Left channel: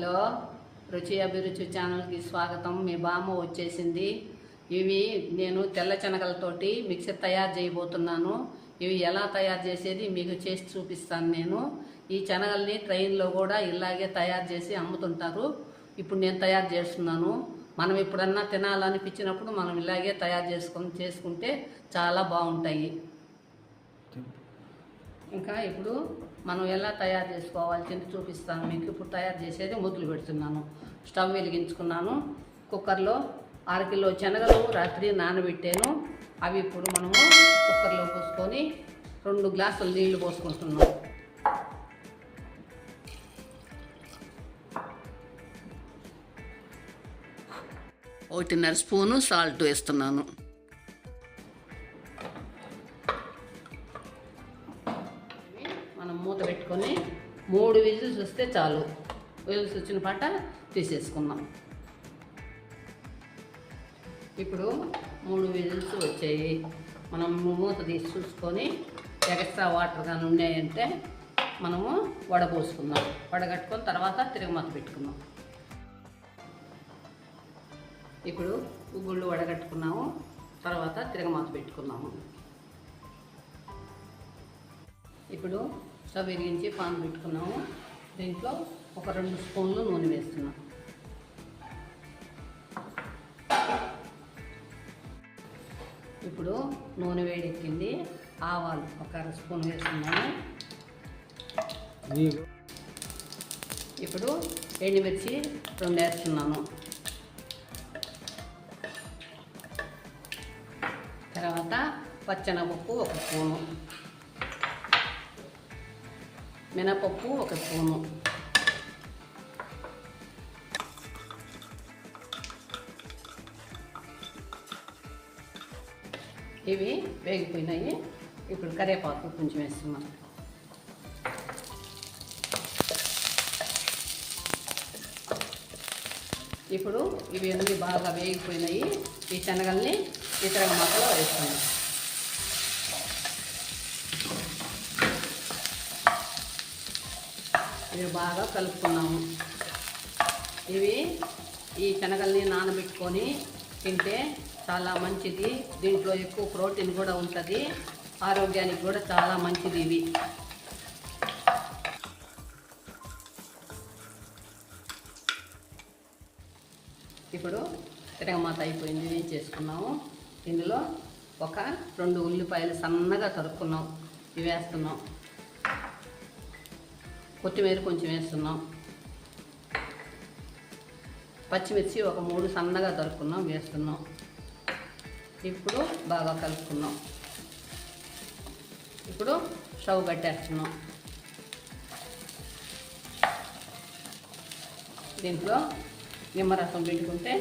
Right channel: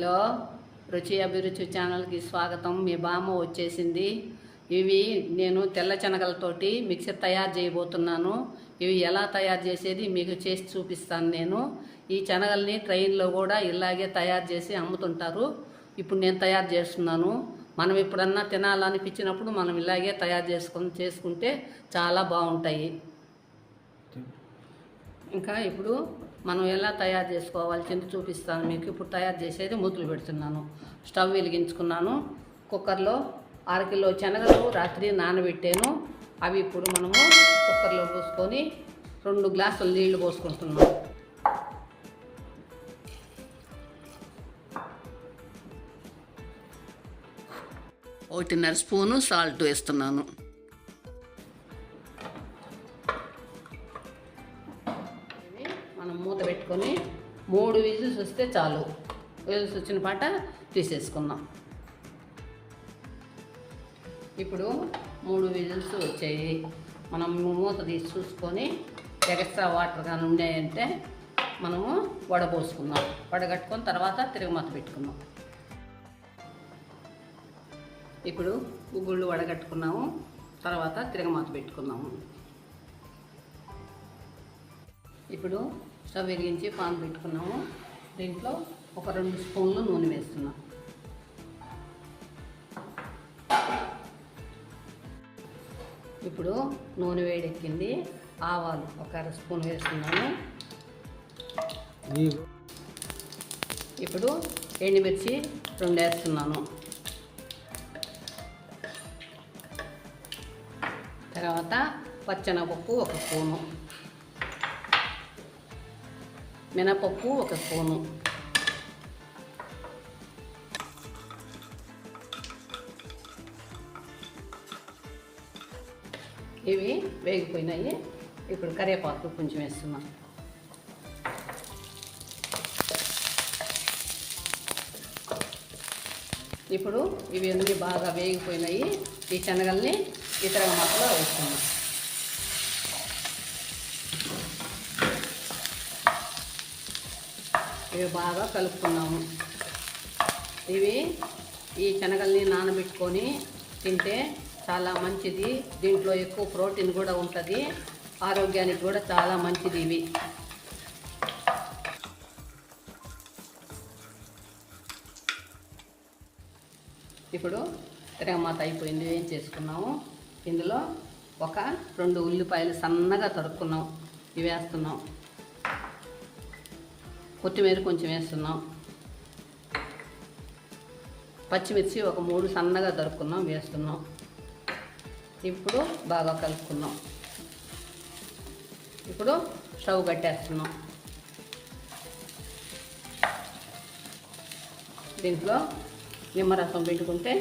Hello, రుచి అభిరుచి ఛానల్కి స్వాగతం. మీ బామ్మ వచ్చేసింది. ఇవి నేను తెల్ల శనగలతోటి మిక్సర్ తయారు చేయబోతున్నాను. ఇవి ఎలా తయారు చేసేది మీకు చేసి చూపిస్తాను. నేను ఈ శనగల్ని ట్రైన్లో కూడా ఇలాగే తయారు చేసి అమ్ముతుంటారు. ఇప్పుడు నేను తయారు చేస్తున్నాను. మనం ఎప్పుడన్నా తినాలనిపించినప్పుడు మనం ఇలాగే తయారు చేసుకుంటే చాలా బాగుంటాయి. ఇంకా ఇప్పుడు మనం ఎలా తయారు చేసుకోవాలి చూపిస్తాను మీకు. ఇప్పుడు తయారు చేసేది మొదలు పెడుతున్నాను. స్టవ్ వెలిగించుకున్నాను. కుక్కర్లో 6 కిలో శనగలు రాత్రి నానబెట్టాను. అవి ఇప్పుడు మనము కుక్కర్లో పోసుకొని 2 గ్లాసులు నీళ్లు పోసుకుంటున్నాను. ఒకటిన్నర స్పూను సాల్ట్ వేస్తున్నాను. మనం మూత పెట్టుకొని 3 విజిల్స్ వస్తే చాలు. విజిల్స్ వచ్చిన పాట తీసేసుకుందాం. ఇప్పుడు 3 విజిల్స్ వచ్చాయి. మనం మూత తీసి చూసుకొని ఎక్స్ట్రా వాటర్ కానీ ఉన్నాయంటే మనము వడపోసుకుందాం. వడగట్టుకొని తర్వాత తిరగమాత పెట్టుకుందాం. ఇప్పుడు గుగ్గుళ్ళు వడగట్టుకున్నాము. తర్వాత తిరగమాత పెట్టుకున్నాము. ఇప్పుడు స్టవ్ వెలిగించి పాన్ పెట్టుకున్నాము. దీంట్లో ఒక 2 స్పూన్లు నూనె వేస్తున్నాం. ఇప్పుడు నూనె వేడెక్కింది. ఆవాలు ఒక 1/2 స్పూన్ వేస్తున్నాను. ఇప్పుడు ఎండుమిర్చి 2 వేస్తున్నాను. తర్వాత పచ్చెనపప్పు 1 స్పూను, మినపప్పు 1 స్పూను, ఇవి వేగిపోయినాయి. ఇప్పుడు కరివేపాకు కొంచెం వేస్తున్నాం. ఇప్పుడు ఇవి అన్నీ బాగా వేగిపోయినాయి. ఈ శనగల్ని ఇతర మాటలో వేస్తున్నాం. ఇవి బాగా కలుపుకున్నాము. ఈ శనగల్ని నానబెట్టుకొని తింటే చాలా మంచిది. దీంట్లో ఎక్కువ ప్రోటీన్ కూడా ఉంటుంది. ఆరోగ్యానికి కూడా చాలా మంచిది ఇవి. ఇప్పుడు తిరగమాత అయిపోయింది. ఏం చేసుకున్నాము, ఇందులో ఒక 2 ఉల్లిపాయలు సన్నగా తరుక్కున్నాం. ఇవి వేస్తున్నాం. కొత్తిమీర కొంచెం వేస్తున్నాం. పచ్చిమిర్చి ఒక 3 సన్నగా తరుక్కున్నాం వేస్తున్నాం. ఇప్పుడు బాగా కలుపుకున్నాం. ఇప్పుడు స్టవ్ కట్టేస్తున్నాం. దీంట్లో నిమ్మరసం పెట్టుకుంటే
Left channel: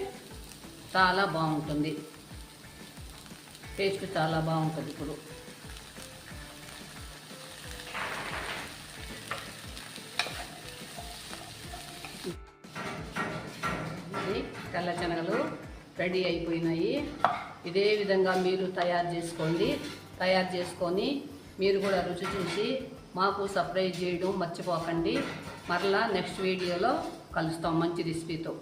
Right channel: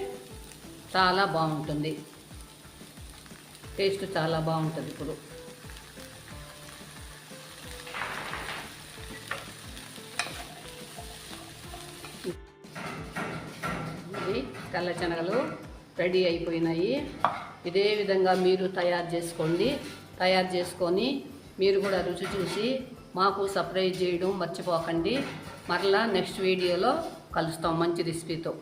చాలా బాగుంటుంది. టేస్ట్ చాలా బాగుంటుంది. ఇప్పుడు తెల్ల శనగలు రెడీ అయిపోయినాయి. ఇదే విధంగా మీరు తయారు చేసుకోండి. తయారు చేసుకొని మీరు కూడా రుచి చూసి మాకు సబ్స్క్రైబ్ చేయడం మర్చిపోకండి. మరలా నెక్స్ట్ వీడియోలో కలుస్తాం మంచి రెసిపీతో.